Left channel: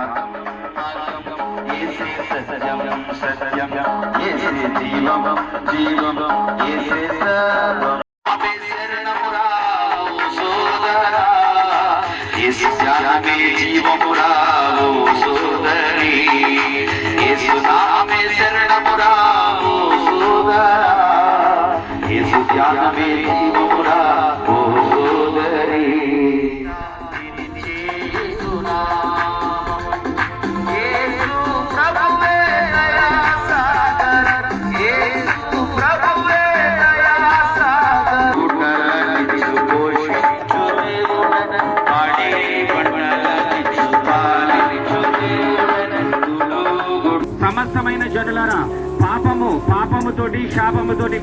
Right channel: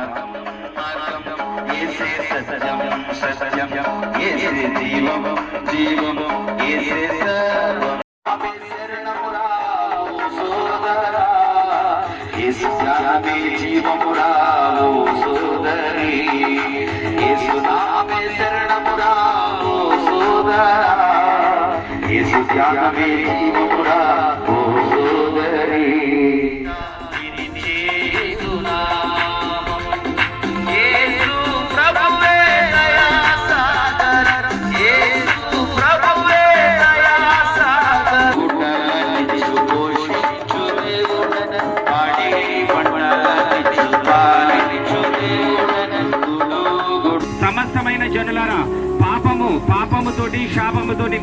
మార్గం మార్గం ఏసే సత్యం సత్యం ఏసే జీవం జీవం ఏసే సర్వం ఆమె శరణమురా ఓ సోదరా యేసు జ్ఞానమే జీవమురా ఓ సోదరి. యేసు నామే శరణమురా ఓ సోదరా యేసు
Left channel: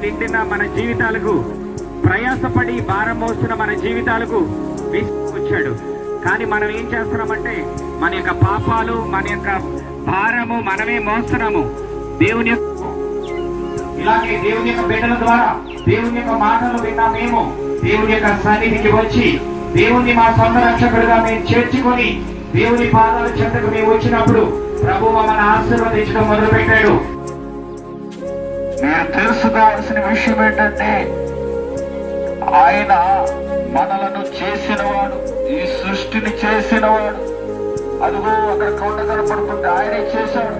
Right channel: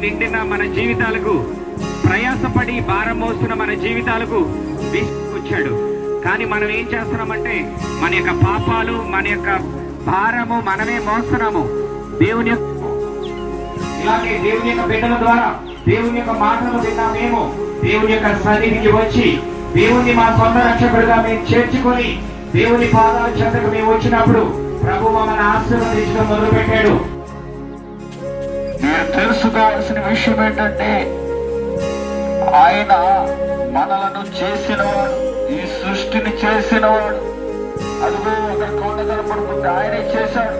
నిండిన మన జీవితాలకు ప్రయాసపడి భారం మోస్తున్న మన జీవితాలకు వచ్చాడు. కానీ మనం ఏం చేస్తున్నామంటే మన యొక్క పాపాలు మన యొక్క భారము మనమే మోస్తున్నాము. దేవుని ఇలాగే దేవుని యొక్క బిడ్డల ద్వారా దేవుని యొక్క మాటలు విన్నా మేము. దేవుని యొక్క సన్నిధికి వచ్చి దేవుని మా సొంత రక్షకుడుగా మేము చేర్చుకొని దేవుని పాదాల చెంతకు మేము వచ్చినప్పుడు ప్రభు మన ఆశీర్వదించడం మొదలు పెట్టాడు మీరు తెలుసుకోవాల్సిన విషయం ఏంటంటే ఆయన మనలను చేసినవాడు ఈ సృష్టిని చేసినవాడు. అదుగు అక్కడ కొండ కనపడుతుంది. ఆయనే చేశాడు.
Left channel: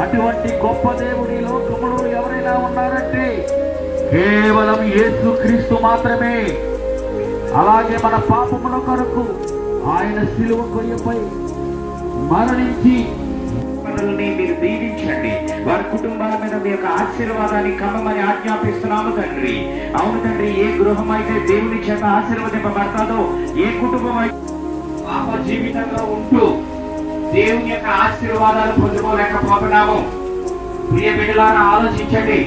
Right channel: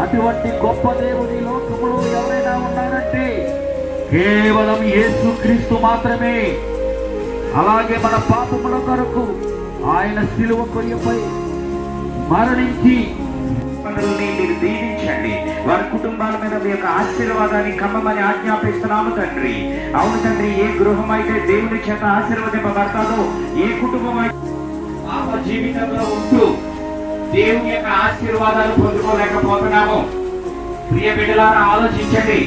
అటువంటి గొప్ప దేవుని లోకములో ఎవరైనా ఉన్నారంటే కేవలం యేసు క్రీస్తు మాత్రమే. అలాగే మన పాపముల కొరకు ఆయన సిలువ కొయ్యపై మరణించి మనల్ని మీరు దీవించండి. వారి కుటుంబాల మీద మీ యొక్క ఆశీర్వాదాన్ని కమ్మమని ఆజ్ఞాపిస్తున్నాము తండ్రి. అవును తండ్రి ఏ గృహం అయితే దేవుని చేత ఆశీర్వదింపబడతాదో ఏ కుటుంబం అయితే పాప జీవితంలో ఉంటూ దేవుని యొక్క ఆశీర్వాదాలు పొందుకోలేకపోతున్నాము ప్రియ బిడ్డలారా ఆలోచించండి.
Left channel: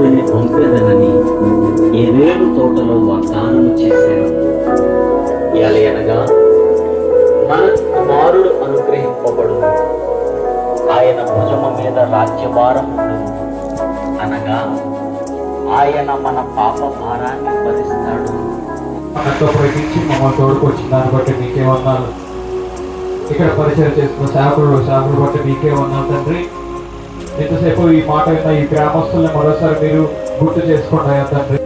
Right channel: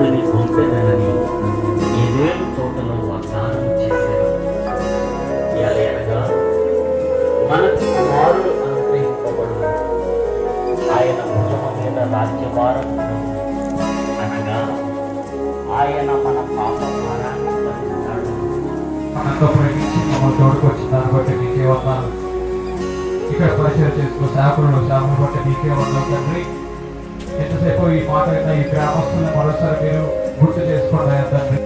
జనులని పంపేదనని ఏదేడు తోటలో వాగ్దానం చేశారు. ఎలయనగా మనకు కుమారుడు అనుగ్రహింపబడు ఆయన భుజమ మీద రాజ్యభారం అనగా ఆయన మన పాప భారాన్ని భరిస్తాడు. మనతో ప్రకటించి మమ్మల్ని తోడుకు వచ్చిన దాన్ని బట్టి నీకే ఉన్నాను ఇక్కడ పరిచయం చేసుకున్న సేవకుడు సేవకుడు బట్టి నీకే ఉన్నాను తండ్రి. ఎంతసేపు ఈ మాట విన్న ఈ గ్రామస్తులను మరోసారి మీరు గుర్తు చేసుకోండి తండ్రి?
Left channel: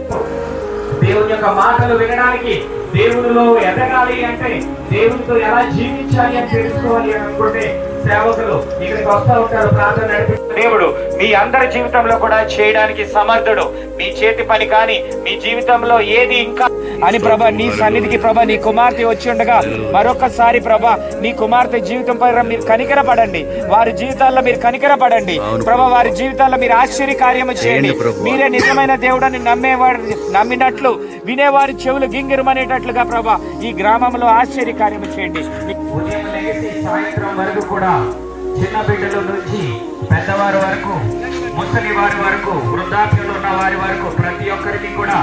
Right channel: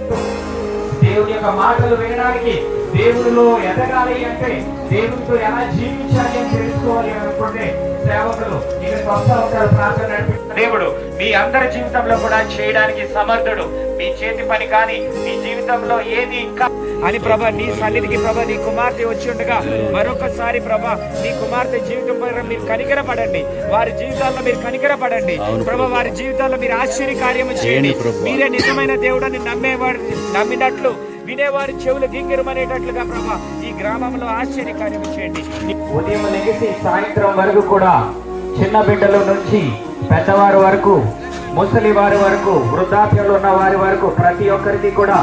దేవుని యొక్క మాటలు వినడానికి దేవునిలో ఎదగాలి అంటే దేవునితో ఎలా జీవించాలి అని తెలుసుకోవాలి అనుకుంటే సేవకులు ఇక్కడికి వస్తూ ఉంటారు ప్రార్థన నడిపి మీ అందరి జీవితంలో కూడా చేయడానికి సమర్థుడు. మీ చేతి పని కానీ మీ జీవితంలో ఏది ఇంకా అని ప్రభా నీ సన్నిధికి ప్రభా నీ కుమార్తె వచ్చి ఉండగా మరొకసారి ప్రభా నీ కుమార్తె జీవితం పైన మీరు కనికరపడండి. వారి జీవితాల్లో మీరు కనికరపడండి. ప్రభా వారి జీవితాల్లో మీరు ఆశ్చర్య కార్యము చేయండి. మీరే నిజమైన దేవుడని నమ్మేవాడు నమ్మినట్లు వినేవారి చెవులు గింగిరమనేటట్లుగా ప్రభా ఈ గ్రామంలో ఆశ్చర్య కార్యము చేయండి. ఉదయం సాయంత్రం వరకు కూడా చిన్న బిడ్డల నుంచి పెద్దవారి వరకు ముసలి వారి వరకు వృద్ధాప్యంలో ఉన్న వారి వరకు ప్రతి ఒక్కరికి కూడా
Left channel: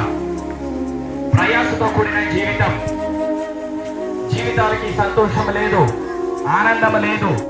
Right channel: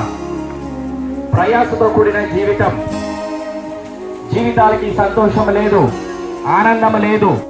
ప్రయాసతో కూడిన జీవితం. జీవితాలకి సంతోషం లేదు ఆనందం లేదు.